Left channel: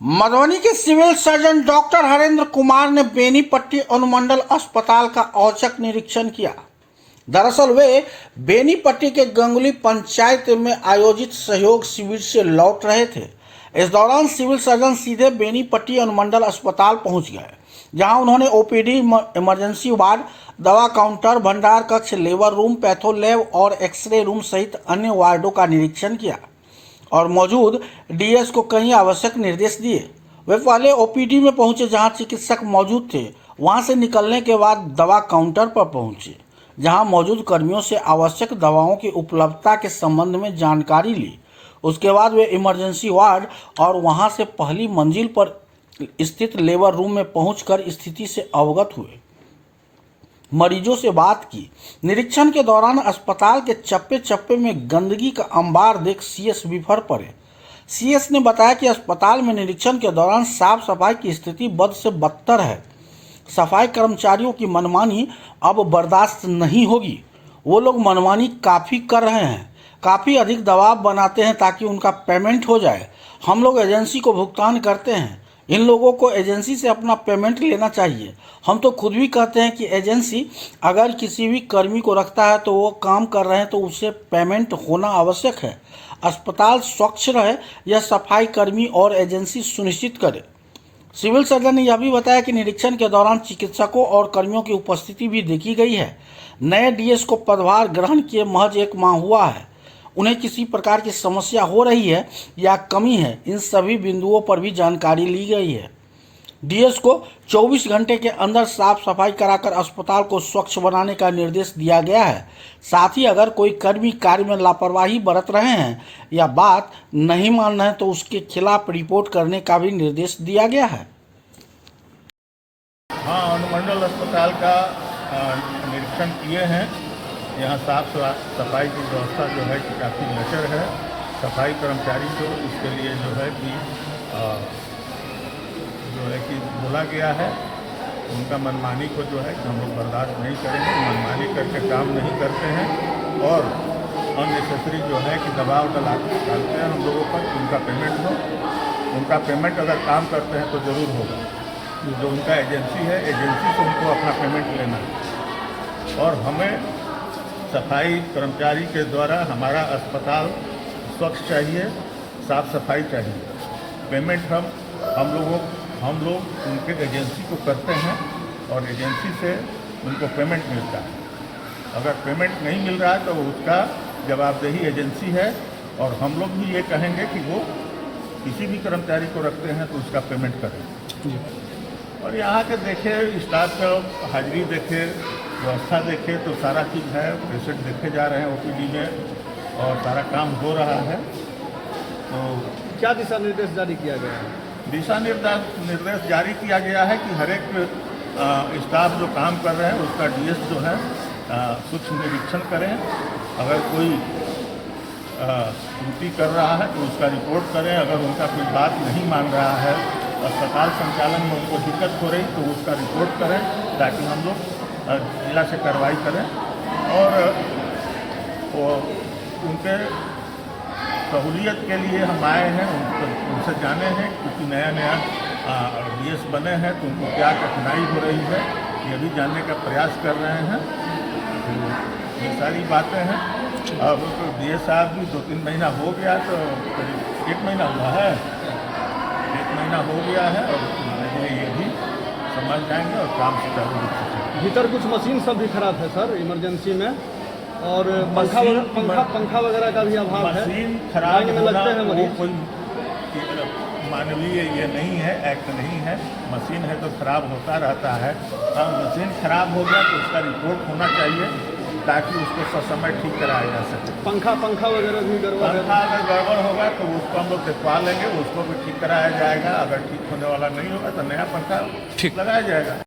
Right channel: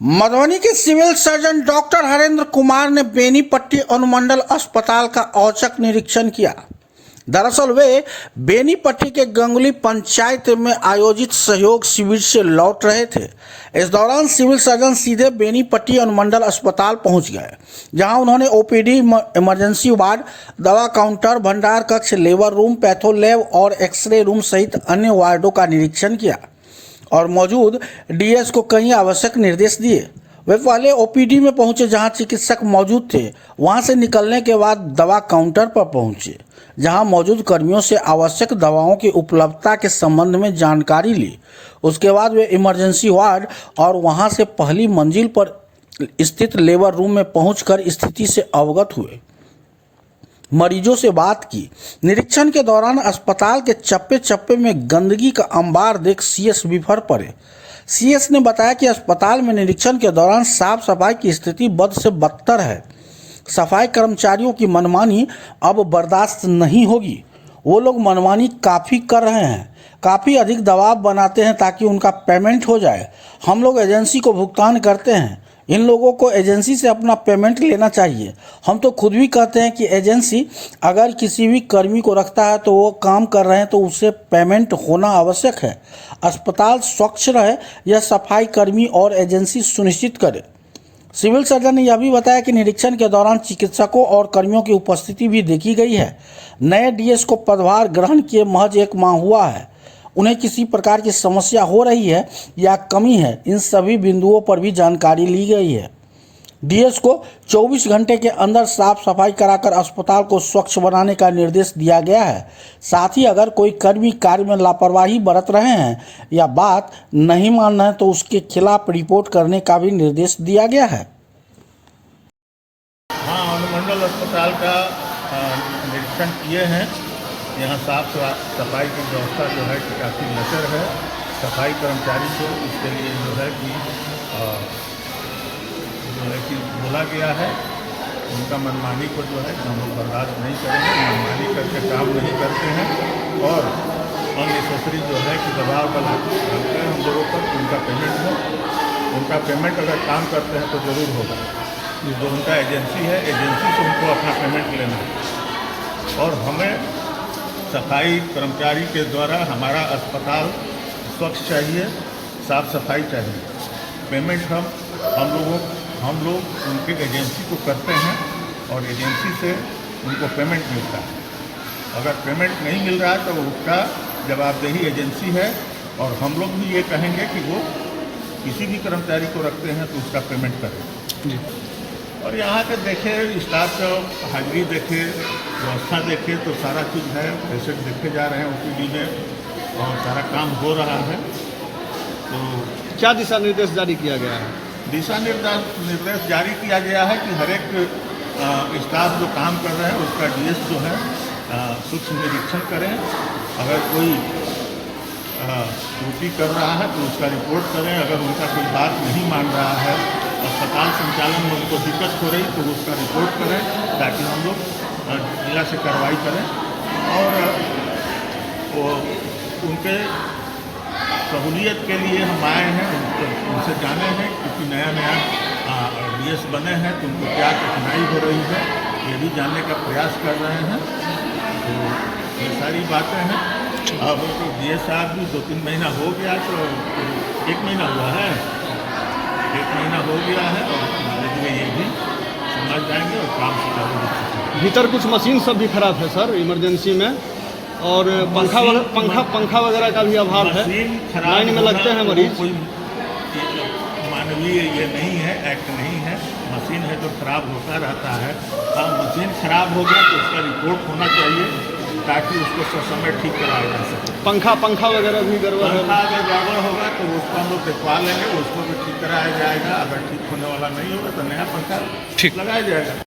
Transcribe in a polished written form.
मधुबनी के civil surgeon doctor Harendra Kumar ने बेनीपट्टी अनुमंडल अस्पताल का औचक निरीक्षण किया। दरअसल वे बेनीपट्टी के गंगुली पंचायत में आयोजित सहयोग शिविर से लौट रहे थे। इस दौरान सिविल सर्जन सीधे बेनीपट्टी अनुमंडल अस्पताल पहुंच गए, जहां उन्होंने ओपीडी, इमरजेंसी वार्ड, दवा काउंटर, भंडार कक्ष, लेबर रूम, पैथो लैब और एक्सरे रूम सहित अन्य वार्डों का निरीक्षण किया और मौजूद डीएस को कई आवश्यक निर्देश दिए। वे पहले ओपीडी में पहुंचे, जहां चिकित्सक मौजूद थे। वहां से निकलने के बाद दवा काउंटर पर पहुंचे, जहां मौजूद कर्मियों से आवश्यक दवाओं की उपलब्धता के संबंध में जानकारी ली। उसके बाद वे इमरजेंसी वार्ड और वहां से पहली मंजिल पर स्थित लेबर रूम में पहुंचकर स्थिति से अवगत हुए, मरीजों से बात की। निरीक्षण के दौरान अस्पताल के चप्पे चप्पे में गंदगी का अंबार देख सीएस बिफर पड़े। सीएस ने बताया कि अस्पताल में निरीक्षण के दौरान साफ सफाई की स्थिति बद से बदतर है। सफाई कर्मचारियों की मनमानी अब बर्दाश्त नहीं होगी। वो लोग मनमानी काफ़ी कर रहे हैं, काफ़ी अधिक दबाव बनाते हैं ताकि उनका पेमेंट हो जाए। हम लोग एजेंसी को भुगतान करते हैं, इन लोगों को एजेंसी से अपना पेमेंट लेना चाहिए। हम तो खुद भी कहते हैं कि एजेंसी अगर किसी भी कर्मी को रखता है तो वो काम कर रहे हैं तो उससे पेमेंट होना आवश्यक है। अस्पताल स्वच्छ रहे, यह सफाई कर्मी और एजेंसी सुनिश्चित करे। सिविल सर्जन ने यह भी बताया कि निरीक्षण के दौरान चिकित्सकों और कर्मियों की उपस्थिति भी देखी गई है। नए डीएस को पदभार ग्रहण किए महज 1 माह हुआ है। उन्हें किसी प्रकार की समस्या हो रही है या कमी है, इन सभी बिंदुओं पर भी जानकारी ली गई है। डीएस को 24 घंटे के अंदर साफ सफाई कराकर अस्पताल को स्वच्छ बनाने का निर्देश दिया गया है। साथ ही अगर कोई कर्मी कार्य में लापरवाही बरत रहे हैं या बात नहीं मान रहे हैं तो उसके खिलाफ रिपोर्ट करने का भी निर्देश दिया गया है। हाँ, अनुमंडल अस्पताल का निरीक्षण किए हैं। यहाँ साफ सफाई की व्यवस्था जो है कि काफ़ी लचर है। सफाई कर्मचारी को इसके लिए जो है कि बोला गया है, उनका मनमानी को जो है कि हम लोग बर्दाश्त नहीं करेंगे। मनमानी करके काम नहीं करते हैं और अननेसेसरी जो है कि दबाव डालते हैं हम लोगों पर। उनका पेमेंट हो, उनका पेमेंट अगर काम करते हैं तो ज़रूर होगा। जो उनका एजेंसी है, एजेंसी से उनको अपना पेमेंट लेना है और हमें सफाई कर्मचारी के द्वारा हमारा अस्पताल स्वच्छ चाहिए, साफ सफाई चाहिए। पेमेंट हम लोग उनके एजेंसी को करते हैं और एजेंसी से उनको पेमेंट मिलता है। अगर पेमेंट नहीं मिल रहा है तो उसका जवाबदेही एजेंसी है और हम लोग भी ये कहेंगे कि वो किसी भी कर्मचारी को रखते हैं तो उसका पेमेंट करें। और यहाँ के देखे स्टाफ का हाजिरी देखे, व्यवस्था देखे तो सारा चीज़ है। पेशेंट देखे जा रहे हैं ओपीडी में और सारा काम हो रहा है। तो क्या दिशा निर्देश जारी किया गया है? दिशा निर्देश जारी किया गया है कि हर एक स्टाफ जो काम कर रहे हैं उसका डीएस जो है सूक्ष्म निरीक्षण करें। अगर कोई त्रुटि कर रहा है तो उसका रिपोर्ट करें। अगर उनका कोई बात नहीं मान रहा है, अस्पताल संचालन में उनको दिक्कत हो रही तो उसका रिपोर्ट करें ताकि हम लोग जिला से कार्रवाई करें। और वो उनके सहूलियत के लिए हम आए हैं, उनसे जाने हैं क्योंकि नया डीएस बने हैं तो उनको क्या कठिनाई हो रही है ये भी जानने का प्रयास कर रहे हैं। तो ये सारी बातें हैं। अब तो डीएस साहब भी 2-3 महीना हो गया, तो 1 महीना हुआ है, 1 महीना हो गया है और धीरे धीरे ये भी समझ जाएंगे और काम सुचारू रूप से। भीतर कुछ मशीन सब भी खराब है सर इमरजेंसी में, और पंखा वगैरह का भी अभाव है। मशीन खराब में लगते हैं मरीज। कोई मानवीय ये नहीं है, एक्ट नहीं है। मशीन है तो खराब होता रहता है। हाँ, मशीन खराब हो गया तो उसका रिपोर्ट होना चाहिए ताकि उसको ससमय ठीक कराया जा सके। पंखा वगैरह भी गड़बड़ है। पंखा अगर गड़बड़ होगा तो उसको हम लोग दिखवा लेंगे, उसको भी ठीक कराया जाएगा। अगर ठीक होने वाला नहीं होगा तो नया पंखा लगाया जाएगा।